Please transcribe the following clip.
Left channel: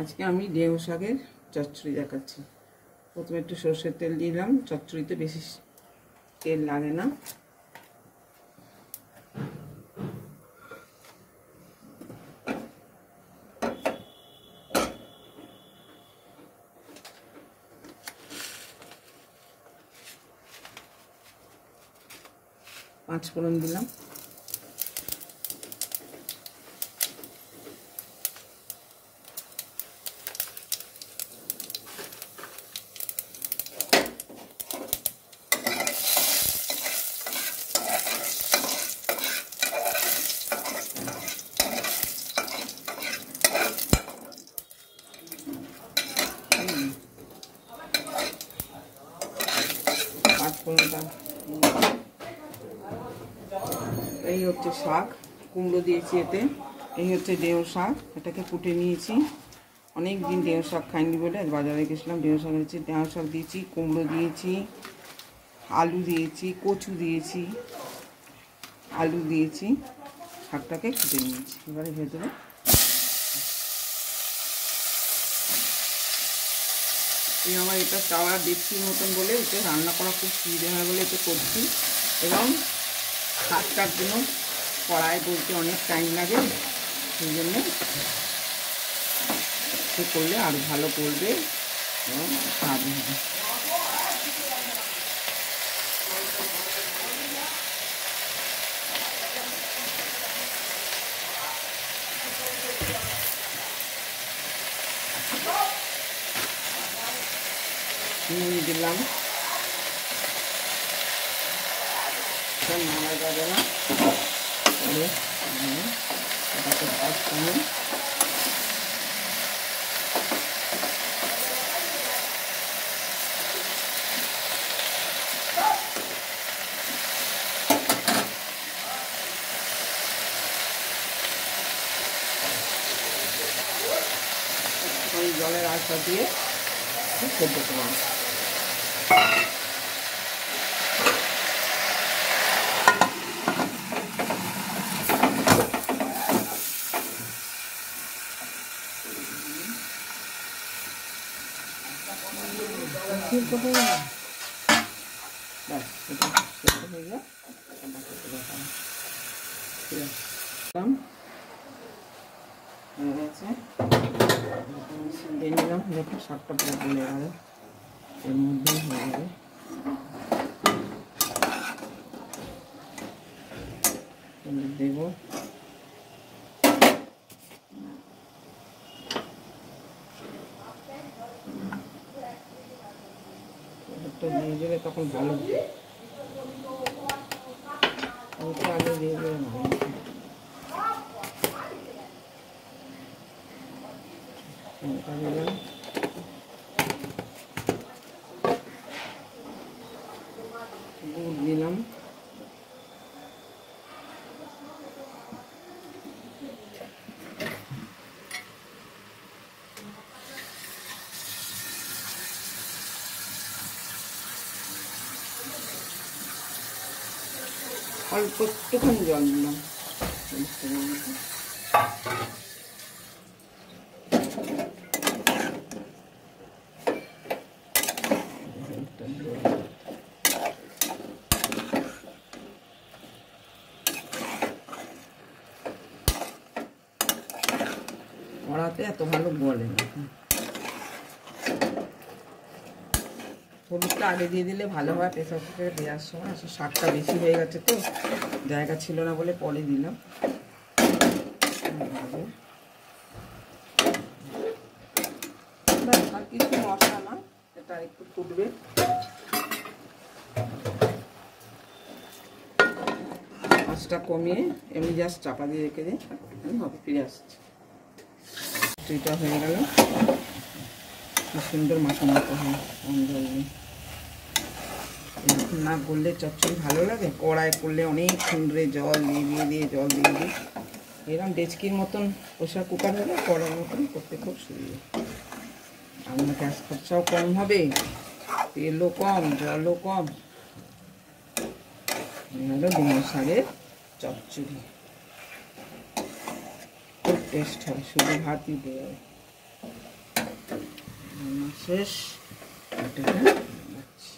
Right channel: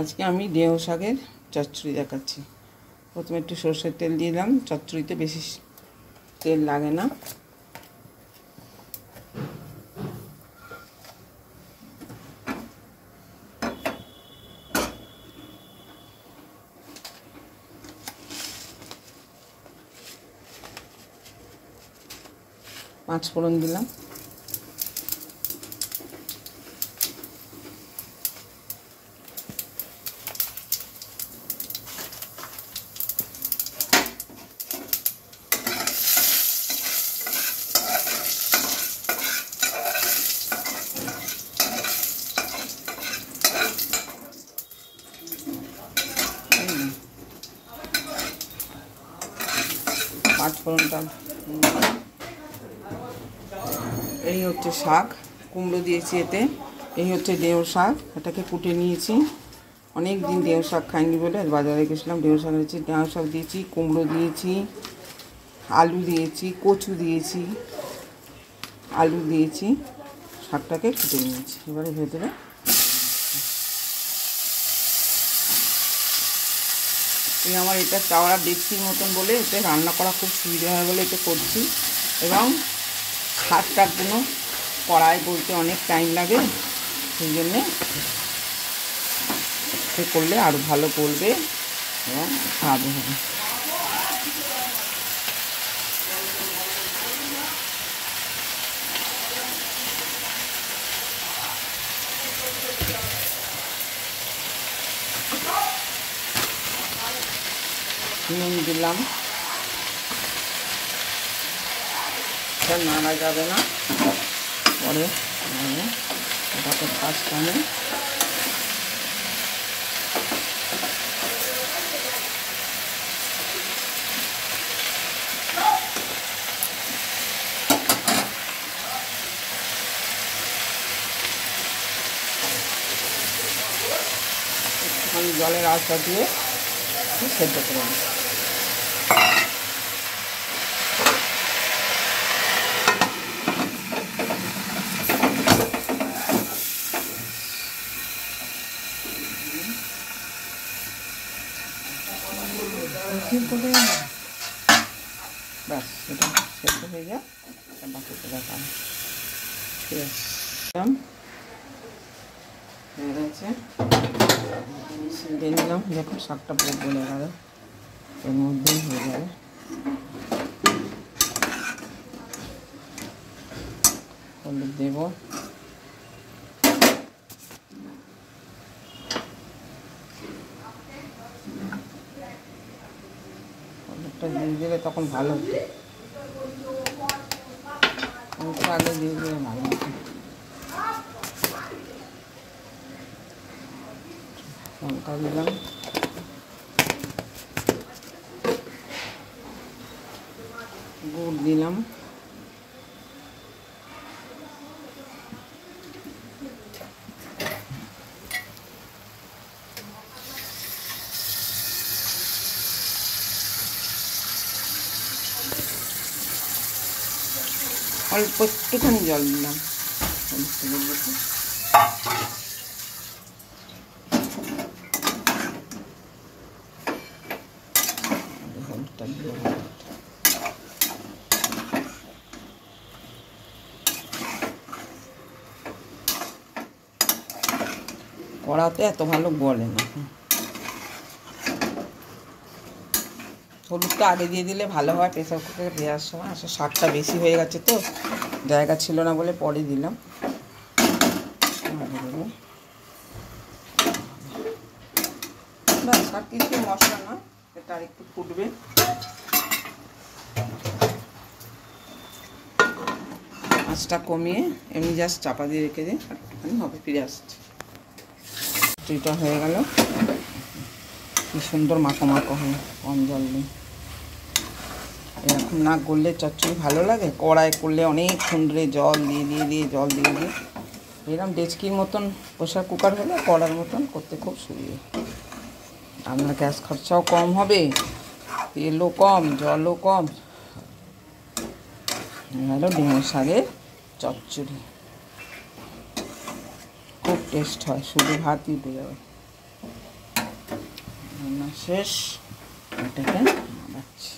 আজকে আমি ঢেঁড়স শাকের চচ্চড়ি দেখাচ্ছি। প্রথমে একটু সরষের তেল দিলাম, চচ্চড়িতে বেশি তেল লাগে না। পাঁচ ফোড়ন দিলাম, পাঁচ ফোড়নটা। এই হচ্ছে শাক, কুমড়ো দিয়েছি এতে। এই হচ্ছে ঢেঁড়স শাক, এটাকে কুটে নিয়েছি। অনেক দিন ঢেঁড়স শাক খাইনি বলে বাজারে গেছিলাম, ঢেঁড়স শাক হয়েছে। ঢেঁড়স শাক দিয়েছি, কুমড়ো দিয়েছি, আলু দিয়েছি, কচু দিয়েছি, আলু দিয়েছি। শাকটাকে কুটে নিয়েছি। এবারে ভেতরে আমার এটা চাওড়া ডেকচির মতন বলে এতে রান্না করা খুব সুবিধা হয় বলে এটা করছি। এবং শাক টাকগুলো কড়াই বলতে অনেক টাইম লাগে, সেই জন্যে সে করলে আরও ভালো করবে এবং স্বাদ হবে। নুন দিলাম, নাড়া যাবে না, পরে এটাকে পাঁচখানে জলের আশা দিয়ে সেদ্ধ করলাম। ব্যাস এটা সেদ্ধ হয়ে যায়, বাকিটা দেখাম। দিয়ে নিলাম, দেখো শাকটা পুরো গলে গেলে এর মধ্যেই হয়ে যাবে। হলুদ দেব, হলুদটা দিয়ে দিলে তখন ভালো, হলুদটা আগে দিয়ে দিলে ভালো। লঙ্কা দিলাম, গুড় দিলাম, অল্প একটুখানি জল দিলাম। কড়াতে এত ভালো গলে না, হলুদটা আগে দিয়ে দিলে ভালো হয় প্রেসার কুকারে দেওয়ার সময়। আসলে শাকটা বেশি হয়ে গেছে তো জায়গা ছিল না বলে পরে দিলাম। ব্যাস, আর কিছু মশলা না, এটা আর একটু ফুটবে। আঁচটা কমিয়ে এমনি জাস্ট চাপা দিয়ে রেখে দিই, একটুখানি হবে, ফিরে আসছে। এটা হয়ে গেল, কি সুন্দর মাখো মাখো হয়, কম জল নেই। এরকম না করলে চচ্চড়ি ভালো লাগে, কড়াই করলে অনেকক্ষণ ধরে জল দিয়ে জল দিয়ে এরকম ডেচকির মতন প্রেসার কুকার হলে কড়ার মতন করতে খুব সুবিধা। আপনার গ্যাস খরচাও কম হবে, তেলও কম, জলও কম। হলো ঢেঁড়স শাকের চচ্চড়ি, খুব টেস্ট হয়, শুধু ভাতই দিয়ে যাবে। রান্না শেষ, এটাকে নামাচ্ছি।